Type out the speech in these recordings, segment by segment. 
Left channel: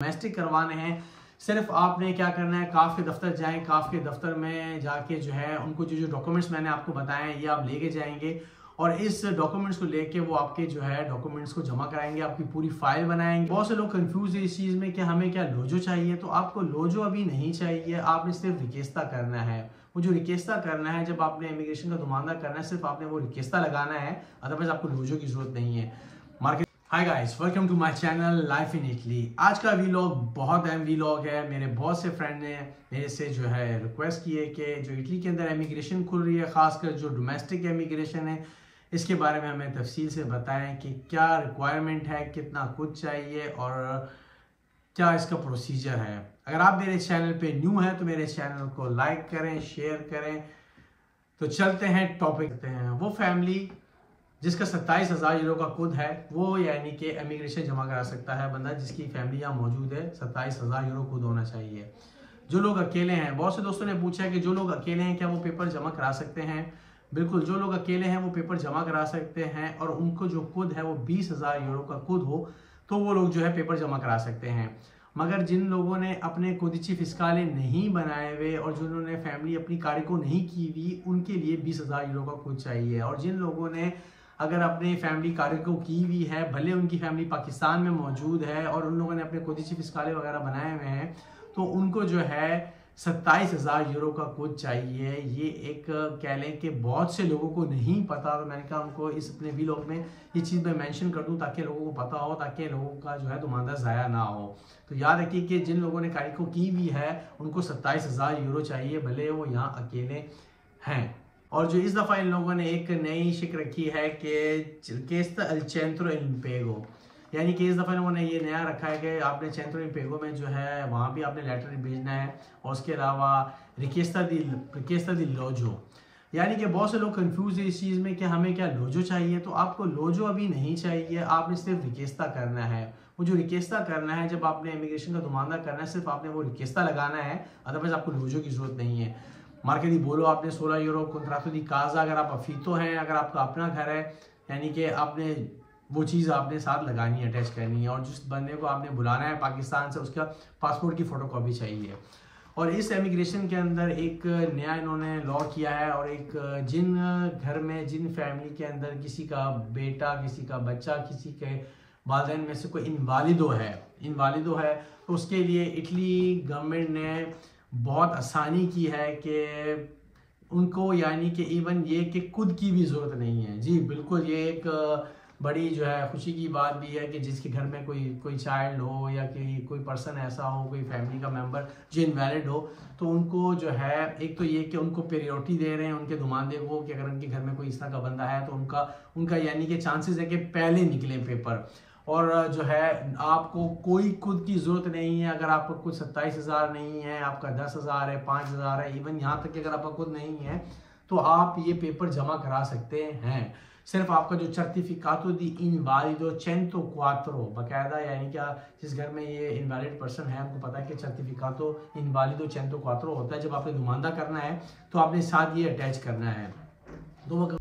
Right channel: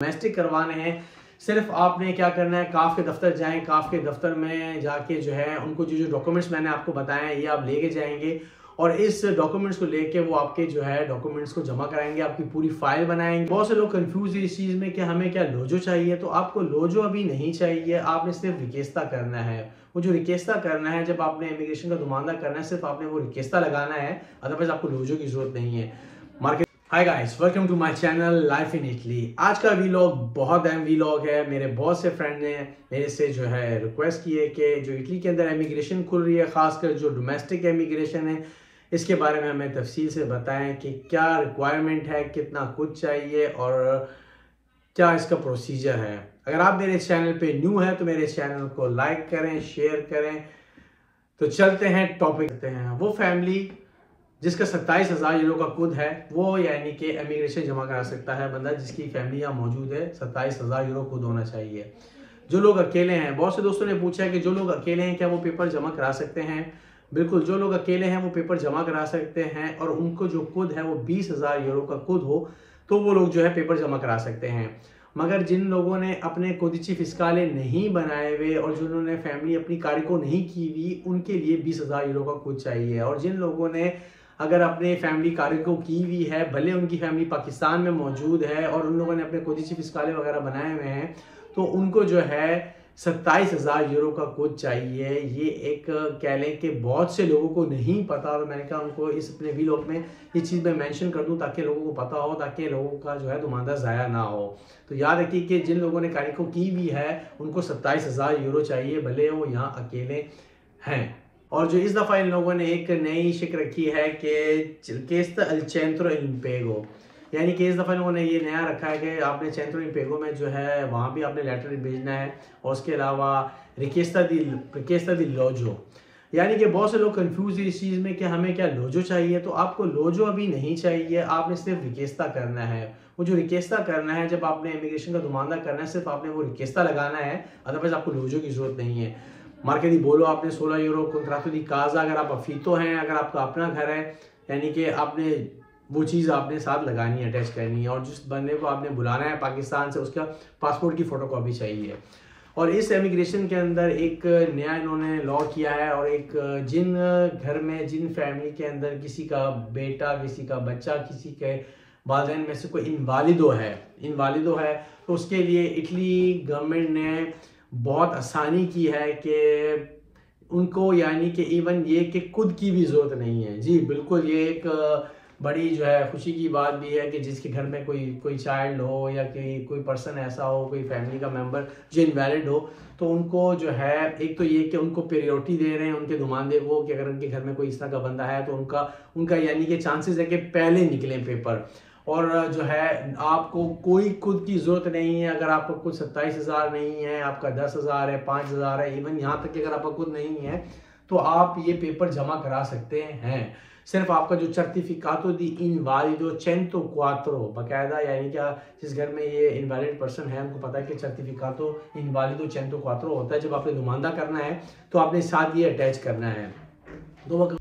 Domestic करवाने हैं। सिर्फ आपने क्या करना है, काफ के दफ्तर जाएं, काफ के दफ्तर में जाके जो है उनको जो डॉक्यूमेंट्स मैंने आपको बताए हैं ये आप लेके जाएंगे और इस डॉक्यूमेंट्स को लेके वो आपके जो है डॉक्यूमेंट्स को जमा कराएंगे, आपकी पूरी फाइल बनाएंगे। बहुत से लोग कंफ्यूज है इस चीज में कि हमें क्या लोजो चाहिए, तो आपको लोजो अभी नहीं चाहिए, आपने सिर्फ रिकेस्ता करना है। वो जो रिकेस्ता करना है, जब आपने इमिग्रेशन का नुमाइंदा करना है, सिर्फ आपने वो रिकेस्ता लगाना है, अदरवाइज आपको लोजो की जरूरत नहीं है। Market hi guys, welcome to my channel life in Italy. आज का वीलॉग बहुत अहम वीलॉग है। मेरे बहुत से फ्रेंड ने मेरे से जो है रिक्वेस्ट की है कि जो इटली के अंदर इमिग्रेशन खुल रही है, खासकर जो डोमेस्टिक इमिग्रेशन है, इसके बारे में हमें तफसील से बताएं कि क्या रिक्वायरमेंट है, कितना कुछ चाहिए और क्या इसका प्रोसीजर है। अगर आप मेरे चैनल पे न्यू है तो मेरे चैनल को लाइक करें, शेयर करें। तो चलते हैं टॉपिक पे हैं। वो फैमिली जिसका 27,000 यूरो का कुद है, वो यानी कि इमिग्रेशन जमा करा सकता है बंदा जिसकी फैमिली यहाँ मौजूद है। 27,000 यूरो कुद होना चाहिए। जो लोग अकेले हैं, बहुत से दोस्तों ने पूछा है कि जो लोग अकेले हैं क्या वो पेपर जमा करा सकते हैं। बिल्कुल, जो लोग अकेले हैं वो पेपर जमा करा सकते हैं और उनको जो कुद है वो 20,000 यूरो का कुद हो तो वो लोग जो है पेपर जमा करा सकते हैं। मगर जिन लोगों ने अपने कोदिची फिस्काले नहीं बनाए हुए और जिन्होंने फैमिली अपनी कार्य को नहीं की हुई, उनके लिए 20,000 यूरो का कुद चाहिए। और जिन लोगों ने अगर अपने फैमिली कार्य को की हुई है, भले उनकी फैमिली पाकिस्तान में मौजूद है और उन लोगों ने अपने कोदिची फिस्काले वगैरह बनाए हुए हैं, तो उनको जो है 27,000 यूरो का कुद चाहिए। ये एक कह लें कि बहुत से लोगों को नहीं पता, तो मैंने कहा उनको इस अपने वीलॉग में ये चीज़ मैं मेंशन कर दूं ताकि लोगों को पता हो, ताकि लोगों का जो है नुमाइंदा ज़ाया ना हो। तो याद रखिए कि जिन लोगों ने कार्य को की हुई है उनको 27,000 यूरो चाहिए, भले वो यहाँ अकेले हैं। और जो इस दफ़ा इन लोगों ने एक नई शिक रखी है कि केस्ता अल चेंट्रो इम्पेगो, यानी कि इस दफ़ा लोगों ने ये नया रखा है कि आपने चेंट्रो इम्पेगो में जो है वहाँ भी आपने लेटर भेजना है और उसके अलावा रिकेस्ता दी लोजो। यानी कि बहुत से लोग कंफ्यूज है इस चीज़ में कि हमें क्या लोजो चाहिए, तो आपको लोजो अभी नहीं चाहिए, आपने सिर्फ रिकेस्ता करना है। वो जो रिकेस्ता करना है, जब आपने इमिग्रेशन का नुमाइंदा करना है, सिर्फ आपने वो रिकेस्ता लगाना है, अदरवाइज आपको लोजो की जरूरत नहीं है। मार्केट दी बोलो आपने 16 यूरो कंट्रातो दी काजा, अगर आप अफीतो हैं, अगर आपका अपना घर है, यानी कि आपने वो चीज़ आपने साथ लगानी है, अटैच करनी है। और जिस बंदे को आपने बुलाना है पाकिस्तान से, उसका पासपोर्ट की फ़ोटोकॉपी चाहिए। और इस इमिग्रेशन के अंदर एक नया इन्होंने लॉ किया है और एक जिन घर में, जिन फैमिली के अंदर किसी का बेटा, किसी का बच्चा, किसी के वालिदैन में से कोई इनवालिदो है, तो उसके लिए इटली गवर्नमेंट ने बहुत आसानी की है कि उनको, यानी कि इवन ये कि खुद की भी ज़रूरत नहीं है। जी बिल्कुल, ये एक बड़ी जो है खुशी की बात भी है कि जिसके घर में कोई चाइल्ड हो या कि कोई पर्सन ऐसा हो, कोई फैमिली का मेंबर जो इनवैलिड हो, तो उनको जो है एक तो ये कि उनको प्रायोरिटी दे रहे हैं उनके नुमाइंदे को कि अगर उनके घर में कोई इस तरह का बंदा है तो उनका यानी कि चांसेस है कि पहले निकलें पेपर। और जो है आपको कोई खुद की ज़रूरत नहीं है। अगर आपका खुद 27,000 नहीं है, आपका 10,000 है, 5,000 है, इवन यहाँ तक कि अगर आपका खुद नहीं है तो आप ये पेपर जमा करा सकते हैं। सिर्फ आपका जो सर्टिफिकातो दी इनवालिडो चेंतो क्वात्रो, बाकायदा यानी कि जिस घर में ये इनवैलिड पर्सन है उनको पता है कि सर्टिफिकातो इनवालिडो चेंतो क्वात्रो होता है। जब आपने नुमाइंदा करना है तो आपने साथ ये अटैच करना है। तो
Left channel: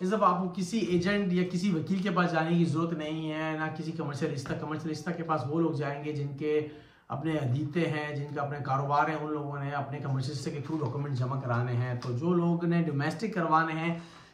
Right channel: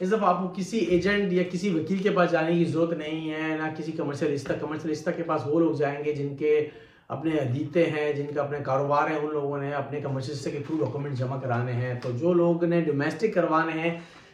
इस दफ़ा आपको किसी एजेंट या किसी वकील के पास जाने की ज़रूरत नहीं है, ना किसी कमर्शियलिस्टा के पास वो लोग जाएंगे जिनके अपने अदीते हैं, जिनका अपने कारोबार है। उन लोगों ने अपने कमर्शियलिस्टा के थ्रू डॉक्यूमेंट जमा कराने हैं। तो जो लोग ने डोमेस्टिक करवाने हैं,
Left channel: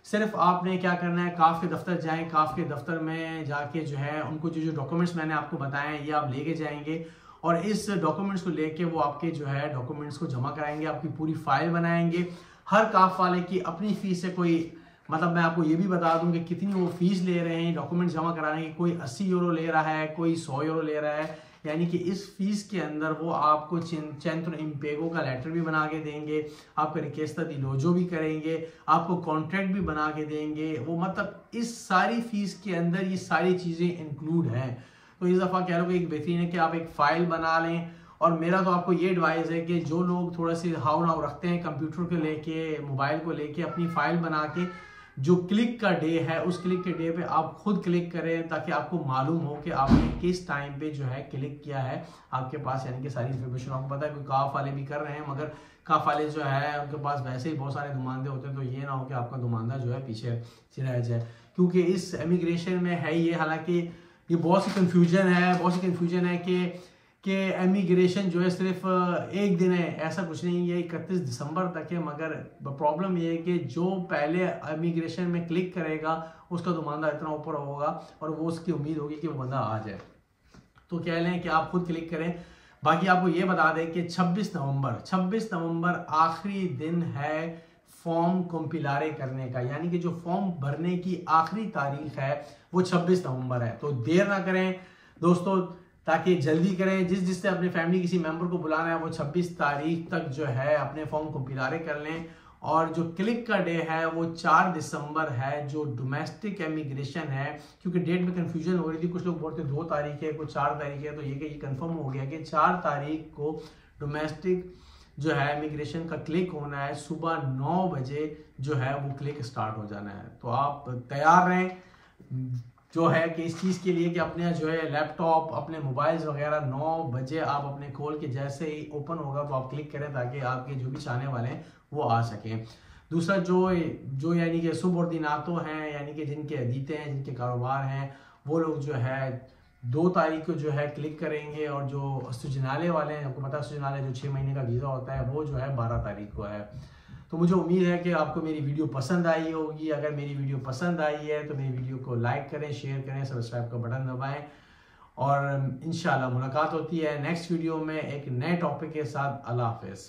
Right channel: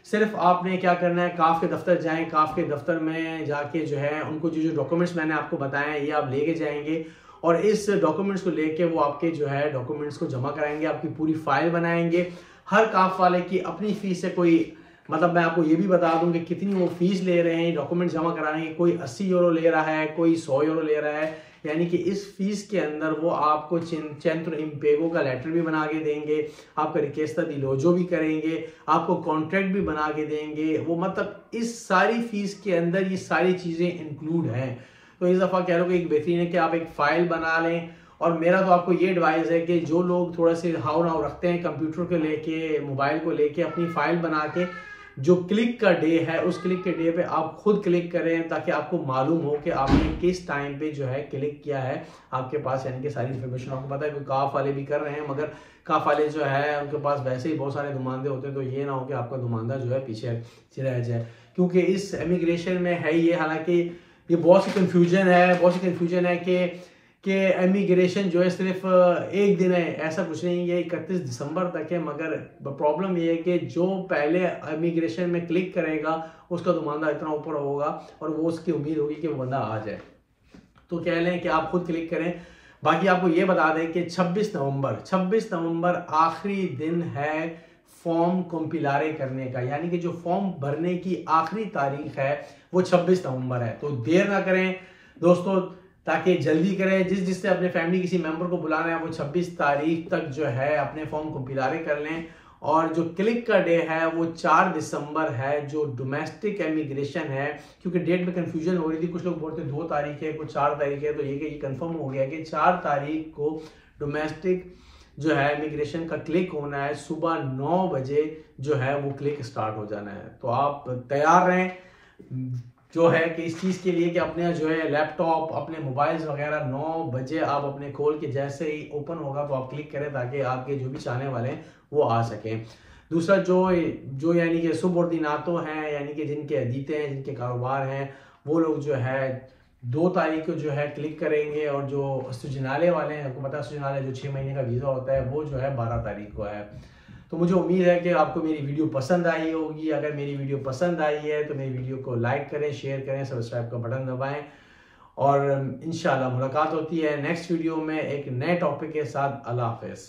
सिर्फ आपने क्या करना है, काफ के दफ्तर जाएं, काफ के दफ्तर में जाके जो है उनको जो डॉक्यूमेंट्स मैंने आपको बताए हैं ये आप लेके जाएंगे और इस डॉक्यूमेंट्स को लेके वो आपके जो है डॉक्यूमेंट्स को जमा कराएंगे, आपकी पूरी फाइल बनाएंगे। हर काफ वाले की अपनी फीस है, कोई मतलब मैं आपको ये भी बता दूं कि कितनी वो फीस ले रहे हैं डॉक्यूमेंट जमा कराने की। कोई 80 यूरो ले रहा है, कोई 100 यूरो ले रहा है, यानी कि इस फीस के अंदर वो आपको चेंट्रो इम्पेगो का लेटर भी बना के देंगे, आपका रिकेस्ता दी लोजो भी करेंगे, आपको कॉन्ट्रैक्ट भी बना के देंगे। वो मतलब इस सारी फीस के अंदर ये सारी चीज़ें इंक्लूड हैं। तो इस दफ़ा कह लो कि एक बेहतरीन है कि आप एक फ़ाइल बना लें। और मेरा तो आपको ये एडवाइस है कि जो लोग थोड़ा से हाव नाव रखते हैं कंप्यूटर को लेके, मोबाइल को लेके, अपनी फ़ाइल बना के जो क्लिक का डे है उस क्लिक के डे पे आप खुद क्लिक करें ताकि आपको मालूम हो कि आपने किस टाइम पे जो है क्लिक किया है। आपके पास यानी कि सारी इन्फॉर्मेशन आपको पता है। कोई काफ वाले भी कर रहे हैं, मगर काफ वाले जो है उनके पास वैसे ही बहुत सारे नुमाइंदे होते हैं, तो ये ना हो कि आपका नुमाइंदा जो है पीछे रह जाए, क्योंकि इस इमिग्रेशन में है ये, हालांकि ये बहुत सी कन्फ्यूजन है कि एमिग्रेशन जो है सिर्फ एक दिन है, ऐसा कुछ नहीं है, 31 दिसंबर तक है। मगर प्रॉब्लम ये है कि जो पहले एमिग्रेशन में क्लिक करेगा उसका दुमानदा इतना ऊपर होगा और वो उसकी उम्मीद होगी कि वो बंदा आ जाए। तो कह लें कि आप खुद क्लिक करें। बाकी आपको ये बता दें कि 26 नवंबर आखिरी दिन है फॉर्म कंपिलारे करने का, यानी कि जो फॉर्म भरने की आखिरी तारीख है वो 26 नवंबर है। तो देर ना करें दोस्तों, ताकि जल्दी करें। जिससे अपने फैमिली किसी मेंबर को बुलाना है वो 26 तारीख तक जो है अपने फॉर्म कंपिलारे कर लें। और जो क्लिक का डे है वो 4 दिसंबर है, जो डोमेस्टिक एमिग्रेशन है। क्योंकि डेट में कंफ्यूजन हो रही थी, कुछ लोग बोलते 2 तारीख है, कुछ 4 तारीख है, तो ये कंफर्म हो गया कि 4 तारीख को डोमेस्टिक जो है इमिग्रेशन का क्लिक होना है। सुबह 9 बजे जो है वो क्लिक स्टार्ट हो जाना है। तो आप तैयार रहें जो है कि इस चीज़ के लिए कि अपने जो है लैपटॉप, अपने मोबाइल्स वगैरह 9 बजे आप अपने खोल के जैसे ही ओपन होगा तो आप क्लिक करें, ताकि आपके जो भी चाहने वाले हैं वो आ सकें। दूसरा जो यानी कि सुबॉर्डिनेटो हैं, यानी कि जिनके अदीते हैं, जिनके कारोबार हैं, वो लोग जो है 2 तारीख को जो है क्लिक करेंगे। और जो सुजनाले वाले हैं, आपको पता है सुजनाले जो 6 महीने का वीज़ा होता है वो जो है 12 तारीख को है। तो मुझे उम्मीद है कि आपको मेरी वीडियो पसंद आई होगी। अगर मेरी वीडियो पसंद आई है तो मेरी वीडियो को लाइक करें, शेयर करें, सब्सक्राइब का बटन दबाएं। और इंशाल्लाह मुलाकात होती है नेक्स्ट वीडियो में एक नए टॉपिक के साथ। अल्लाह हाफ़िज़।